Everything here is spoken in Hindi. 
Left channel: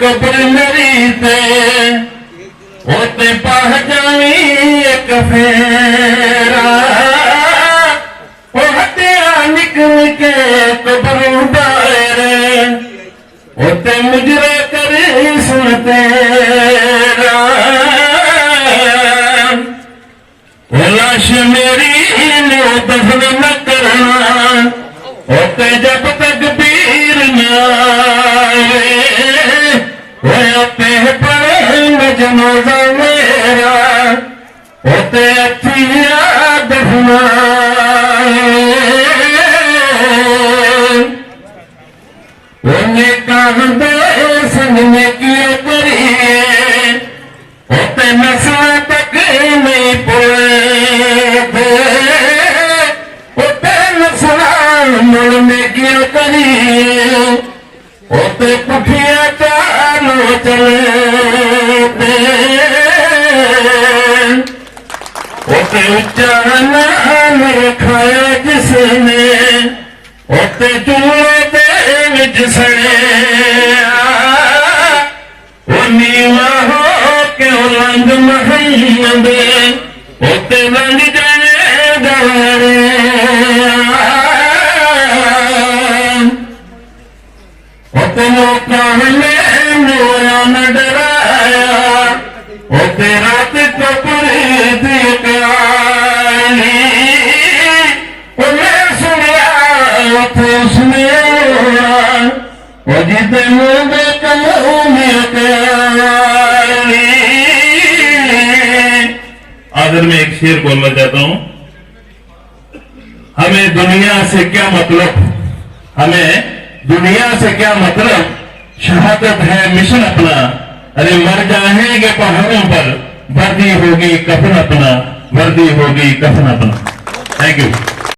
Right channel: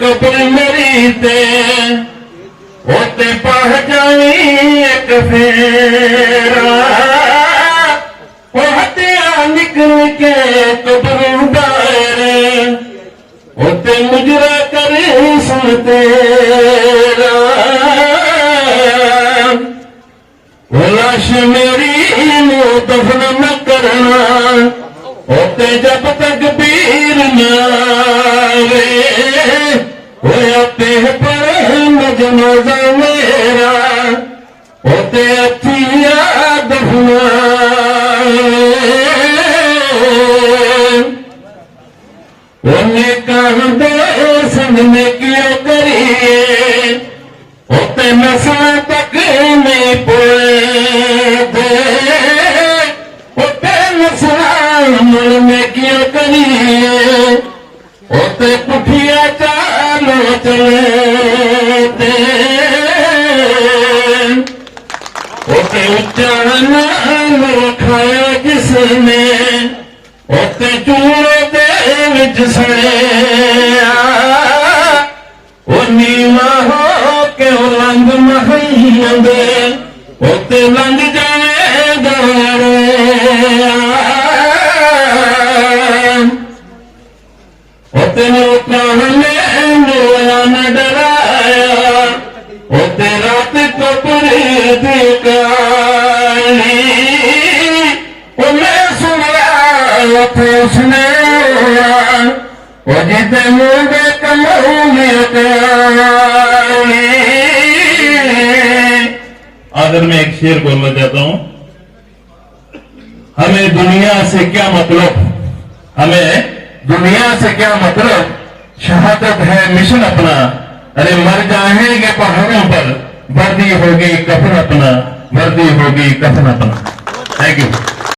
कब्र मेरी ते होते पाह जानी एक फेरा होते निकल के कब्र बाहर होते मुजरा करे सुन तेरा लाश मेरी ने दफन न करना होते जब तक पीर न होते पर जनाजा मेरा होते अथिया दफना कहाँ दो संग में किया करिए होते नस्ल तक नहीं पड़े होते नस्ल मुड़ में किया करिए होते पुठिया चालो चले होते उच्चारण रखाया जिसने होते चूड़े देंगे जिसने नीवा हो के बुलंद मोहम्मद होते बन जाए दरे होते मौका हमें मोया न डराया होते रात को पूरी दिखाई उन्हें सुनिया थे उसने जिते मुझे आखिर में एक शेर बोलना चाहता हूं। हमें दुनिया से क्या मतलब, हमें दुनिया से क्या मतलब, शहादत है मिशन अपना। अरे मर जाएंगे पहाड़ों पर, वर्दी होगी कफन अपना, वर्दी होगी कफन अपना। Thank you.